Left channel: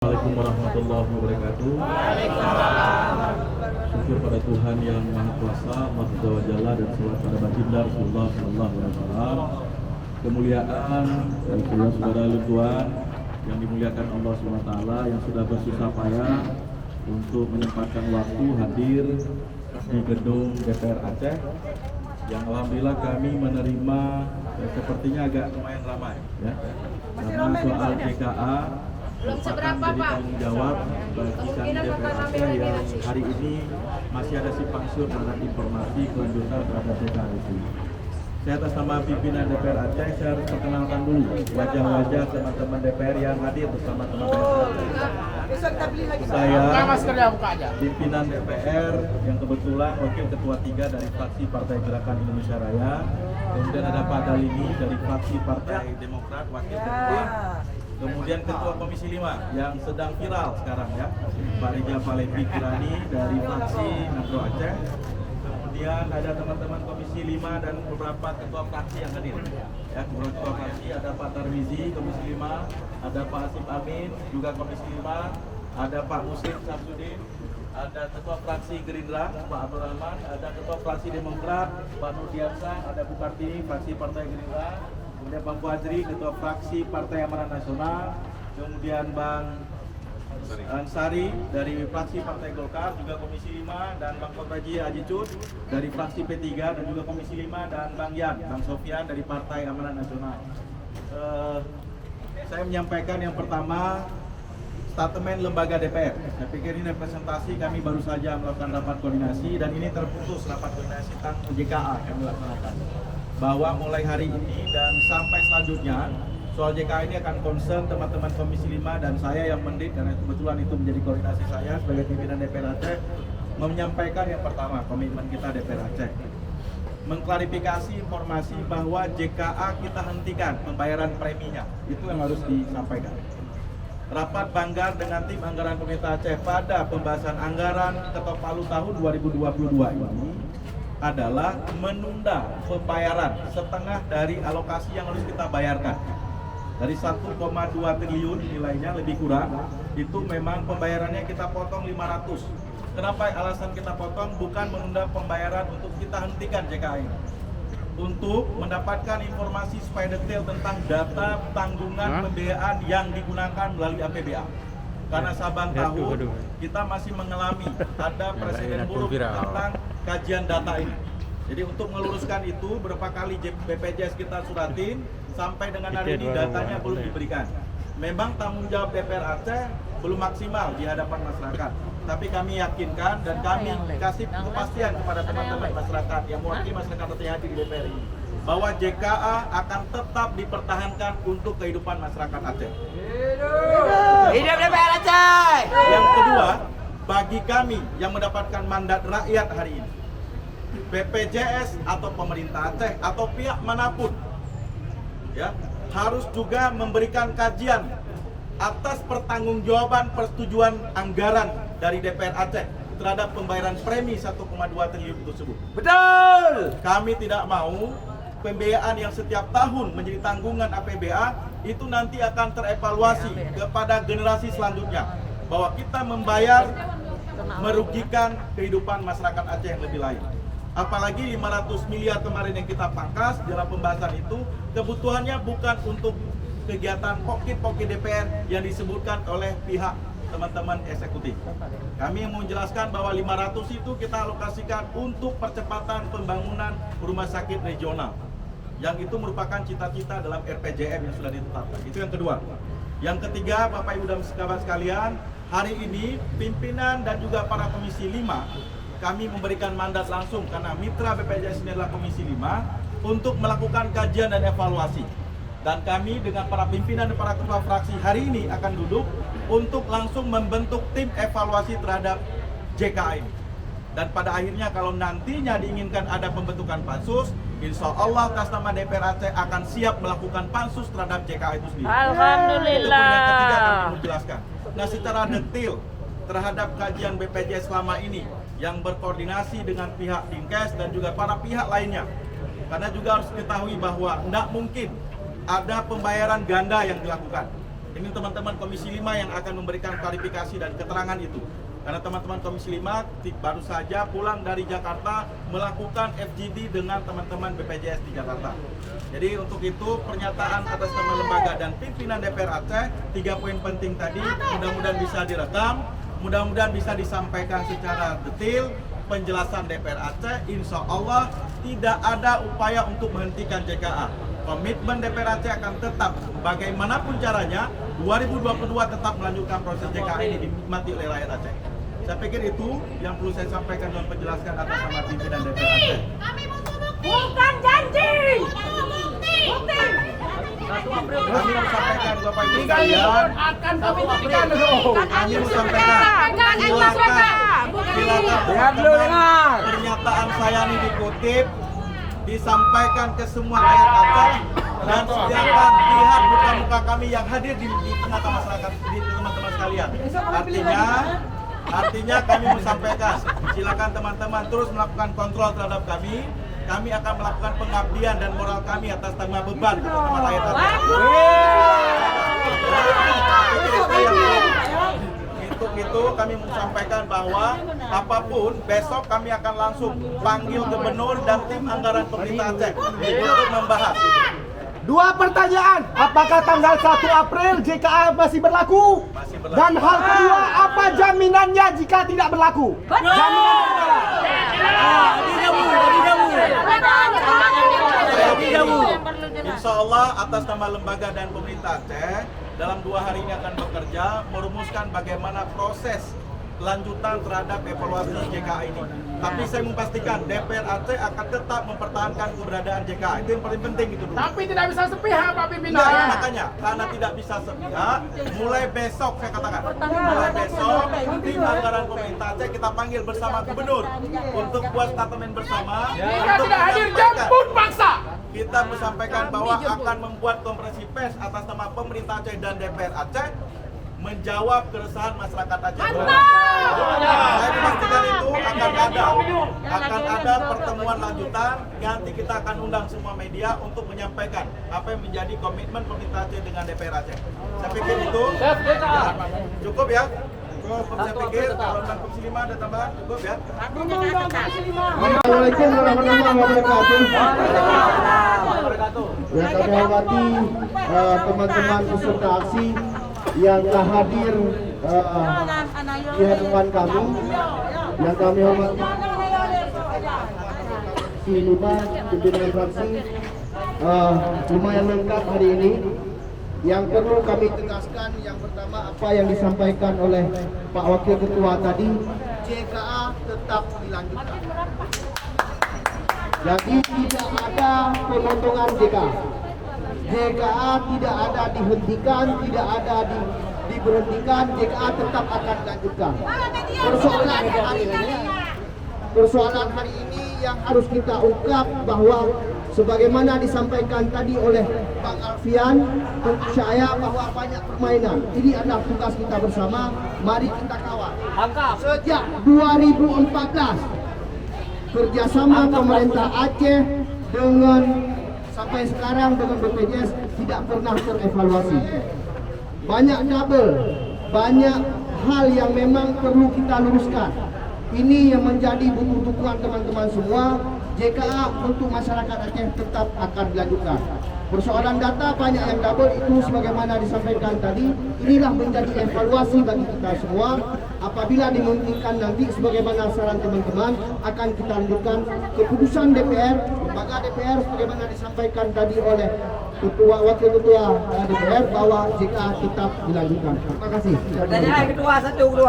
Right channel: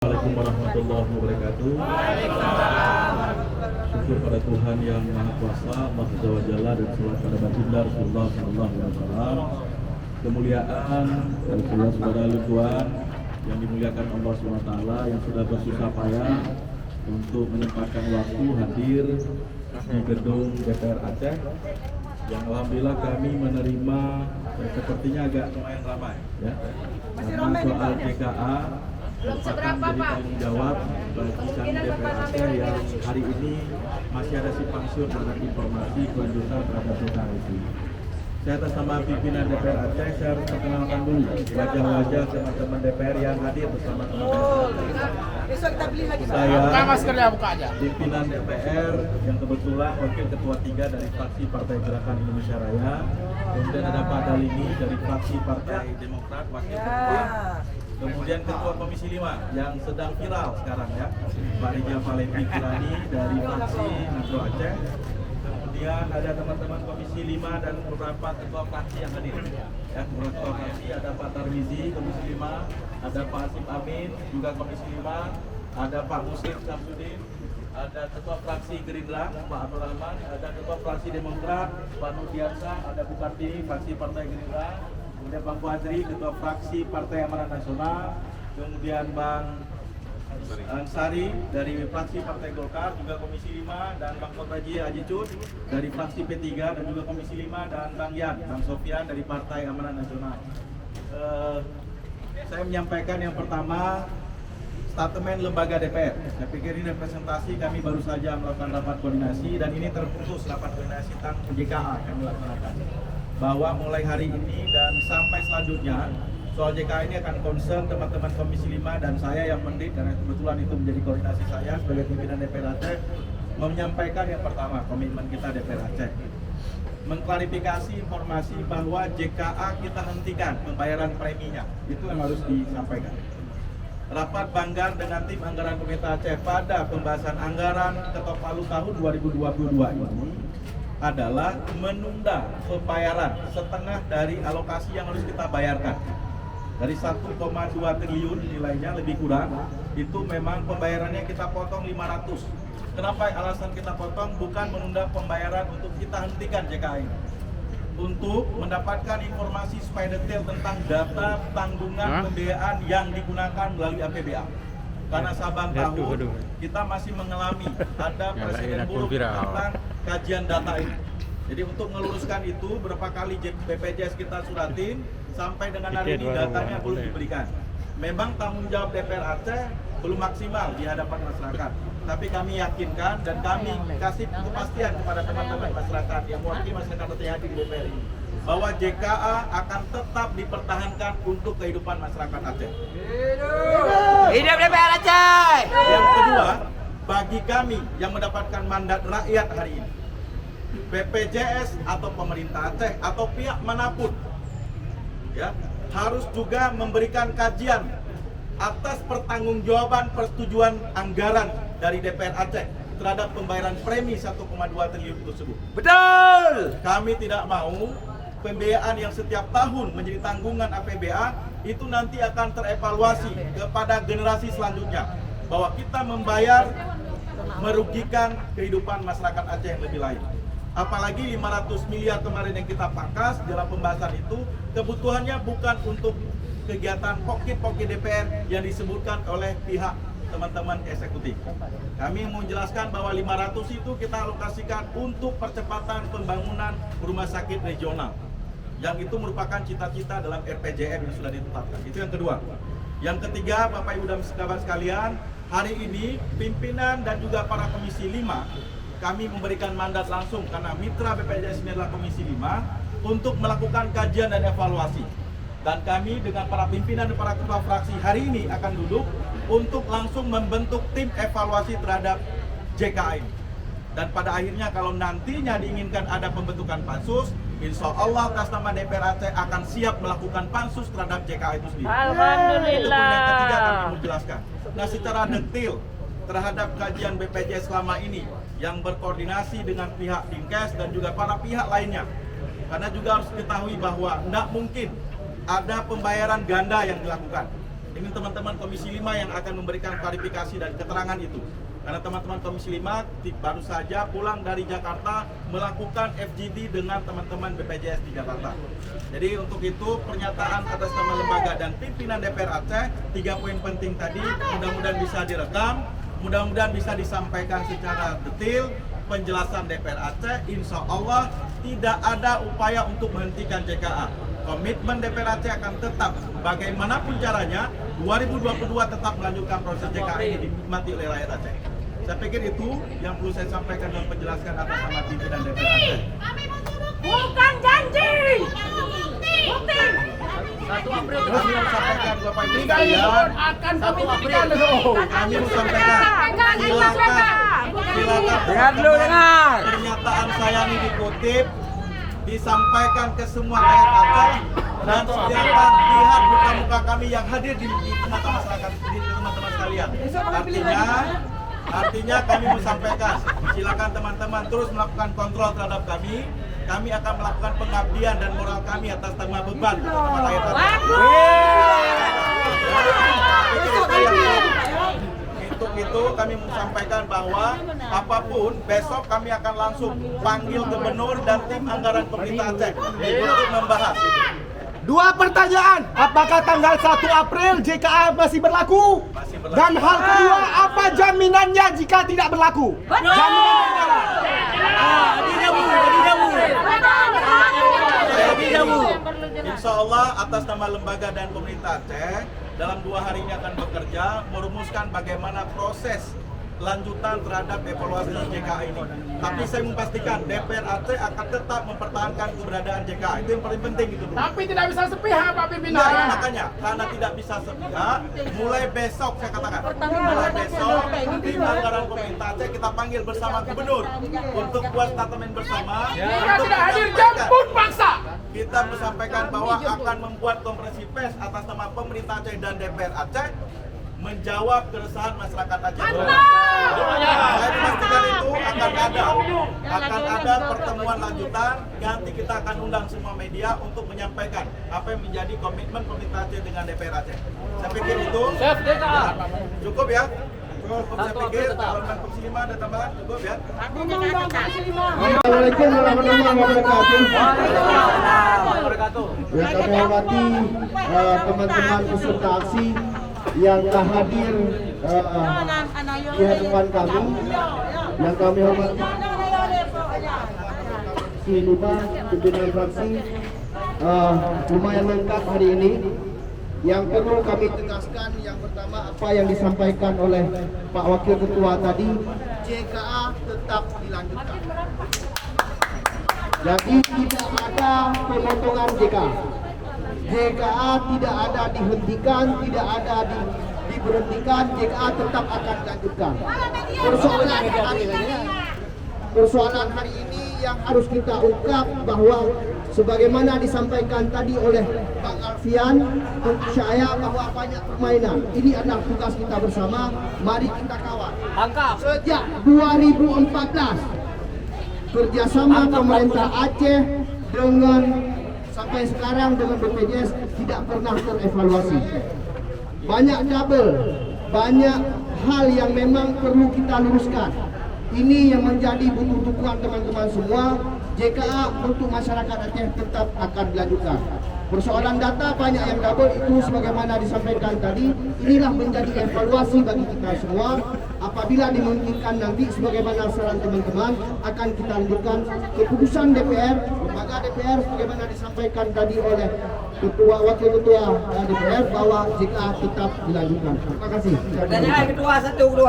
Assalamualaikum warahmatullahi wabarakatuh. Syukur pada Tuhan yang Maha Kuasa, Maha Zawajalla, dan selawat pada baginda Rasulullah Sallallahu Alaihi Wasallam. Kemuliaan dan saudara-saudara Tuhan yang dimuliakan Allah SWT yang sudah bersusah payah untuk menyempatkan waktu hadir di gedung DPR Aceh, yang alhamdulillah kami menerima sepertinya agak lumayan ramai ya, karena soal JKA merupakan menjadi tanggung jawab bagi kami DPR Aceh yang hari ini masih ada simpang siur terhadap informasi kelanjutan terhadap JKA itu. Saya atas nama pimpinan DPR Aceh, saya harus perkenalkan dulu wajah-wajah teman-teman DPR yang hadir bersama teman-teman. Saya pimpinan DPR yang kebetulan wakil ketua 3 dari fraksi Partai Gerakan Indonesia Raya. Kemudian ada Pak Dalini dari fraksi Partai Demokrat, wakil ketua. Kemudian Ketua Komisi 5 yang sedang viral sekarang ya, Pak Rija Falevi Kirani dari fraksi Nagro Aceh. Kemudian ada teman-teman Komisi 5 dan beberapa ketua fraksi yang hadir. Ya, ketua fraksi ada Pak Tarmizi Komisi 5, ada Pak Asim Amin juga Komisi 5, ada Pak Muslim Samsudin, ada ketua fraksi Gerindra Pak Abdul Rahman, ada ketua fraksi Demokrat Pak Nurdiansa, ada Bu Kartini fraksi Partai Gerindra. Kemudian Bang Fadri, Ketua Fraksi Partai Amanat Nasional, kemudian Bang Ansari dari Fraksi Partai Golkar, juga Komisi 5, dan Bang Kotaji Haji Cud dari Fraksi P3 dan juga Komisi 5, dan Bang Yan, Bang Sofian dari Partai Amanat Nasional. Saya menyampaikan yang pertama, statement lembaga DPR. Saya pikir ini representasi, kami baru saja melakukan rapat koordinasi, dan ini terputus rapat koordinasi tentang JKA kami laksanakan. Bahwa mulai hari ini dan sampai selanjutnya soal JKA ini akan concern teman-teman Komisi 5 dan saya yang mendit, karena kebetulan itu menjadi koordinasi saya sebagai pimpinan DPR Aceh, menyampaikan yang pertama komitmen kita DPR Aceh, mengklarifikasi informasi bahwa JKA kita hentikan pembayaran preminya, itu yang harus disampaikan. Rapat banggar dengan tim anggaran pemerintah Aceh pada pembahasan anggaran Ketok Palu tahun 2022 ini adalah menunda pembayaran setengah dari alokasi yang harus kita bayarkan. Dari 1,2 triliun nilainya lebih kurang, itu memang pembayarannya kita potong 500. Kenapa alasan kita potong? Bukan menunda pembayaran untuk kita hentikan JKA ini, untuk mendapatkan informasi supaya detail tentang data tanggungan pembiayaan yang digunakan melalui APBA. Karena Sabang tahu kita masih mengalami ada presiden buruk tentang kajian data ini. Jadi untuk meluruskan itu, berapa kali BPJS kita suratin, sampai dengan hari ini datanya belum diberikan. Memang tanggung jawab DPR Aceh belum maksimal di hadapan masyarakat. Tapi kami yakinkan dan kami kasih kepastian kepada teman-teman masyarakat yang mewakili masyarakat yang hadir di DPR ini, bahwa JKA akan tetap dipertahankan untuk kehidupan masyarakat Aceh. Hidup DPR Aceh! Yang kedua, bagi kami yang mendapatkan mandat rakyat hari ini, BPJS atau pemerintah Aceh atau pihak manapun ya, harus juga memberikan kajian atas pertanggungjawaban persetujuan anggaran dari DPR Aceh terhadap pembayaran premi 1,2 triliun tersebut. Betul! Kami tidak mau pembiayaan yang setiap tahun menjadi tanggungan APBA itu nanti akan terevaluasi kepada generasi selanjutnya, bahwa kita membayar merugikan kehidupan masyarakat Aceh yang lebih lain. Apalagi 500 miliar kemarin yang kita pangkas dalam pembahasan itu, kebutuhannya bukan untuk kegiatan pokit-pokit DPR yang disebutkan oleh pihak teman-teman eksekutif. Kami mau menjelaskan bahwa 500 itu kita alokasikan untuk percepatan pembangunan rumah sakit regional, yang itu merupakan cita-cita dalam RPJM yang sudah ditetapkan. Itu yang kedua. Yang ketiga, Bapak Ibu dan sahabat sekalian, hari ini pimpinan dan juga para Komisi 5 kami memberikan mandat langsung, karena mitra BPJS ini adalah Komisi 5, untuk melakukan kajian dan evaluasi. Dan kami dengan para pimpinan dan para ketua fraksi hari ini akan duduk untuk langsung membentuk tim evaluasi terhadap JKA ini. Dan pada akhirnya kalau nantinya diinginkan ada pembentukan pansus, insya Allah atas nama DPR Aceh akan siap melakukan pansus terhadap JKA itu sendiri. Itu poin yang ketiga kami mau jelaskan. Nah, secara detail terhadap kajian BPJS selama ini yang berkoordinasi dengan pihak Dinkes dan juga para pihak lainnya. Karena juga harus diketahui bahwa tidak mungkin ada pembayaran ganda yang dilakukan. Ini teman-teman Komisi 5 yang akan memberikan klarifikasi dan keterangan itu. Karena teman-teman Komisi 5 baru saja pulang dari Jakarta melakukan FGD dengan teman-teman BPJS di Jakarta. Jadi untuk itu pernyataan atas nama lembaga dan pimpinan DPR Aceh, 3 poin penting tadi mudah-mudahan bisa direkam, mudah-mudahan bisa disampaikan secara detail penjelasan DPR Aceh. Insya Allah tidak ada upaya untuk menghentikan JKA. Komitmen DPR Aceh akan tetap bagaimanapun caranya 2022 tetap melanjutkan proses JKA ini dinikmati oleh rakyat Aceh. Saya pikir itu yang perlu saya sampaikan dan penjelaskan atas nama pimpinan DPR Aceh. Bukan janji. Bukti. Kami menyampaikan Bapak Ibu sekalian, kami menyampaikan silakan teman-teman pernyataan saya ini dikutip, disampaikan ke semua rakyat Aceh, dan silakan lihat muka-muka kami yang hadir di tengah-tengah masyarakat, di teman-teman sekalian. Artinya kami menyampaikan, silakan teman-teman terus melakukan kontrol terhadap kami. Kami akan melakukan pengabdian dan moral kami atas tanggung beban untuk teman rakyat Aceh. Itu kami menyampaikan bahwa apapun besok kami akan langsung panggil gubernur dan tim anggaran pemerintah Aceh untuk membahas itu. 2 pertanyaan, apakah tanggal 1 April JKA masih berlaku? Masih berlaku. Dan hal kedua, apa jaminannya jika tidak berlaku? Insya Allah atas nama lembaga dan pemerintah Aceh dalam 2 hari ini akan bekerja merumuskan bagaimana proses lanjutan terhadap evaluasi JKA ini. Tapi saya memastikan DPR Aceh akan tetap mempertahankan keberadaan JKA. Itu yang paling penting itu dulu. Tapi tidak bisa sepihak Pak Pimpinan. Nah, makanya karena tidak bisa sepihak, mulai besok saya katakan, mulai besok tim anggaran pemerintah Aceh kita panggil bersama gubernur untuk buat statement bersama. Jika tidak hadir jemput paksa. Kita menyampaikan bahwa akan membuat konferensi pers atas nama pemerintah Aceh dan DPR Aceh menjawab keresahan masyarakat Aceh. Saya memastikan itu akan ada pertemuan lanjutan. Nanti kita akan undang semua media untuk menyampaikan apa yang menjadi komitmen pemerintah Aceh dengan DPR Aceh. Saya pikir itu ya, cukup ya. Saya pikir kalau Komisi 5 ada tambahan cukup ya. Assalamualaikum warahmatullahi wabarakatuh. Yang kami hormati teman-teman peserta aksi yang telah hadir di hadapan kami, yang kami hormati si Lima, pimpinan fraksi, lumayan lengkap hari ini. Yang perlu kami tegaskan, yang pertama apa yang disampaikan oleh Pak Wakil Ketua tadi, JKA tetap dilanjutkan. Jadi tidak ada pemotongan JKA. JKA tidak ada dihentikan, tidak ada diberhentikan, JKA tetap akan dilanjutkan. Persoalan hari ini yang harus kita ungkap bahwa sebagaimana disampaikan tadi oleh Bang Alfian, saya bahwa banyak permainan. Ini adalah tugas kita bersama, mari kita kawal. Sejak 2014, kerjasama pemerintah Aceh dengan sampai sekarang dengan BPJS tidak pernah terevaluasi. Banyak double, banyak hal yang memang perlu kita luruskan. Ini yang menjadi butuh-butuhan teman-teman semua. JKA untuk masyarakat Aceh tetap akan dilanjutkan. Persoalan data banyak yang double, itu sebagaimana disampaikan tadi. Inilah menjadi evaluasi bagi kita semua. Apabila dimungkinkan nanti sebagaimana saran teman-teman akan kita lanjutkan keputusan DPR, lembaga DPR sebagaimana disampaikan tadi oleh Wakil Ketua DPR bahwa JKA tetap dilanjutkan. Terima kasih. Ketua 1, 2.